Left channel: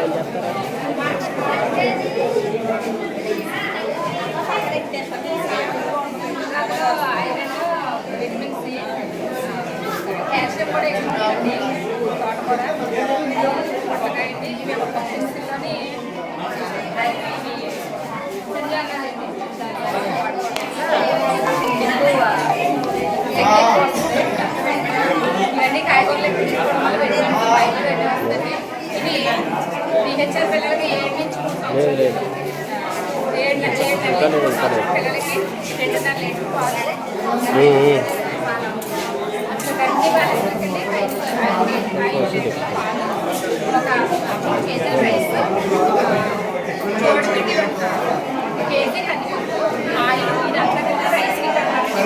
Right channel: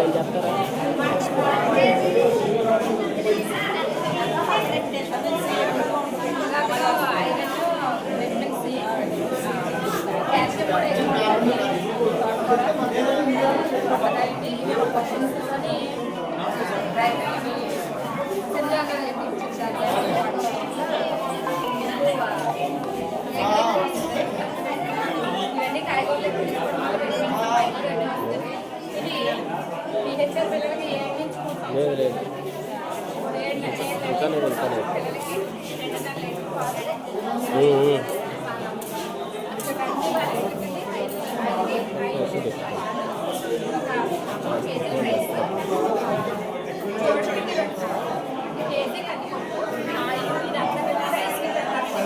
Style చేస్తారా? ఇవన్నీ కాయగూరలు తీసుకోవడం వల్ల పైన రెడ్డి వస్తుంది. ఇది టీహెచ్ఆర్ పిల్లలకి లేదు లేదు పిల్లలకి 2.5 లీటర్ పాలు ఒక 3 కేజీల రైస్, చూడపిండి కేజీ కందిపప్పు, ఆయిల్, ఇదంతా కలిపి రైస్కి పెట్టాలండి.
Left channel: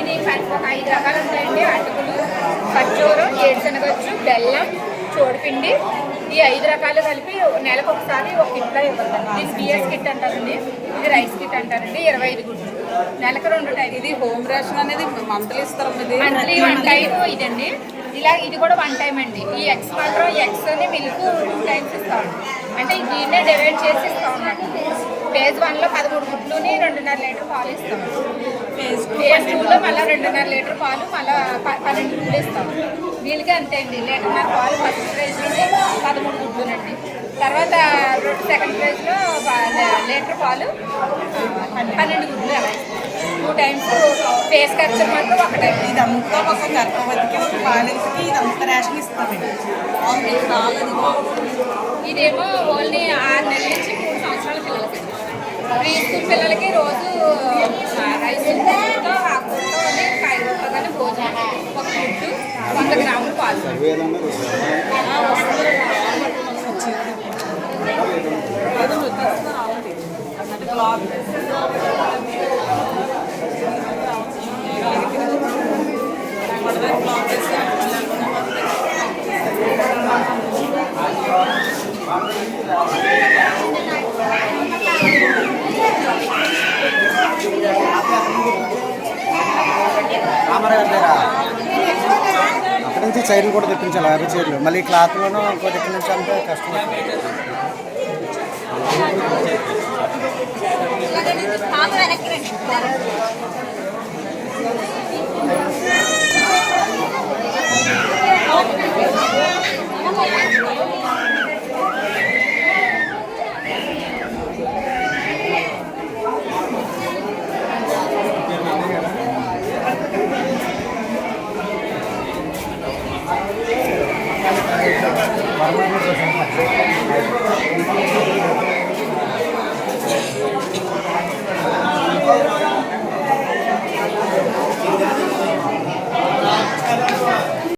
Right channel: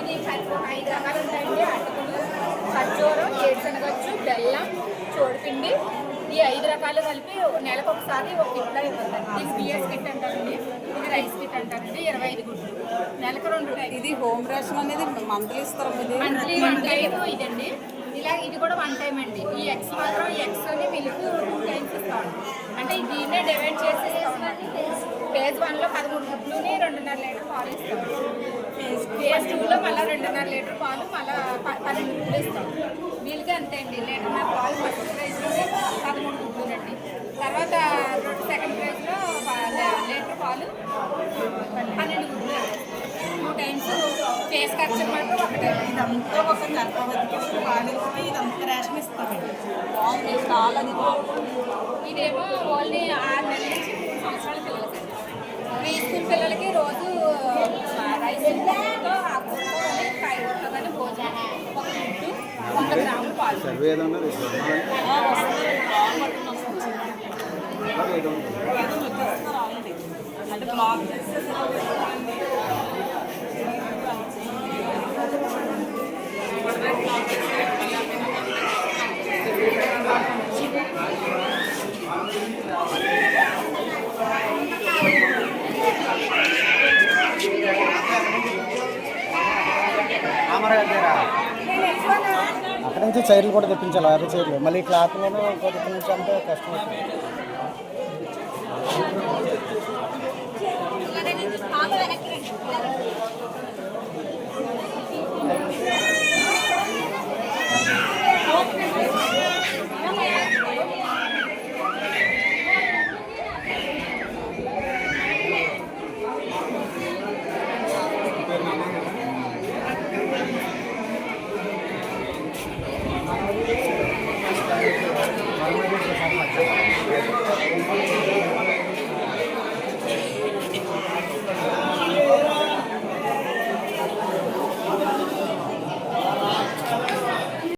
ఇది ఒక 5 రకాలు ఉంటాయండి. అటుకులు, ఖర్జూరం, ఏరుశనగొచ్చు, బెల్లం, చూడపిండి, ఈ 5 రకాలు కలిపి నెలకు ఒకసారి ఒక కిట్లో ఇవ్వద్దండి. దీన్ని బిఎస్ కిట్ అంటారండి, ఇది రైస్ కిట్ అంటారండి. 25 గుడ్లు నెలకు 2 టైం. ఇది హోమ్ రేషన్ అనేది మంత్లీ ఇస్తారు, మంత్లీ 1 టైం ఇదండి. ఇలా ఇది కూడా 1 టైం అండి. ఈ ఎగ్స్ మాత్రం ఎగ్స్ అని మిల్క్ 2 టైమ్స్ ఇస్తామండి. అంటే దీన్నే డివైడ్ చేసి ఇస్తాం అన్నట్టు. ఫేజ్ 1లో 13 గుడ్లుని 2.5 లీటర్ పాలు ఇస్తాం. ఫేజ్ 2లో మళ్ళీ 2.5 లీటర్ పాలు, మళ్ళీ 12 గుడ్లు ఇస్తాం. వీళ్ళకి అంతే అండి, 1.5 లీటర్ పాలు ఫస్ట్ ప్రైజ్లోని 13 గుడ్లునండి. తర్వాత సెకండ్ ప్రైజ్లో లీటర్ పాలు 12 గుడ్లు అలా 2 టైమ్స్. ఫేస్ ఖర్చు మాత్రం 1 టైం. ఇదంతా కోసం గర్భవతికి పాలకి ఇదంతా రేషన్ ఇస్తామండి. ఇదేమో ఓన్లీ 6 నెలల నుంచి 3 సంవత్సరాల పిల్లలకి. ప్రీ స్కూల్ పిల్లలకి రోజు రైస్ ఆకుకూరతో కానీ కాయగూరతో కానీ భోజనం, ఒక గుడ్డు, 100 గ్రాములు పాలు. అక్కడి నుంచి చైర్లు కూడా తెప్పించాలి, 50 చైర్లు. మళ్ళీ క్లాత్లోనూ ఇంకోటి ఇక్కడ నుంచి అంటే కష్టం అవుతుంది.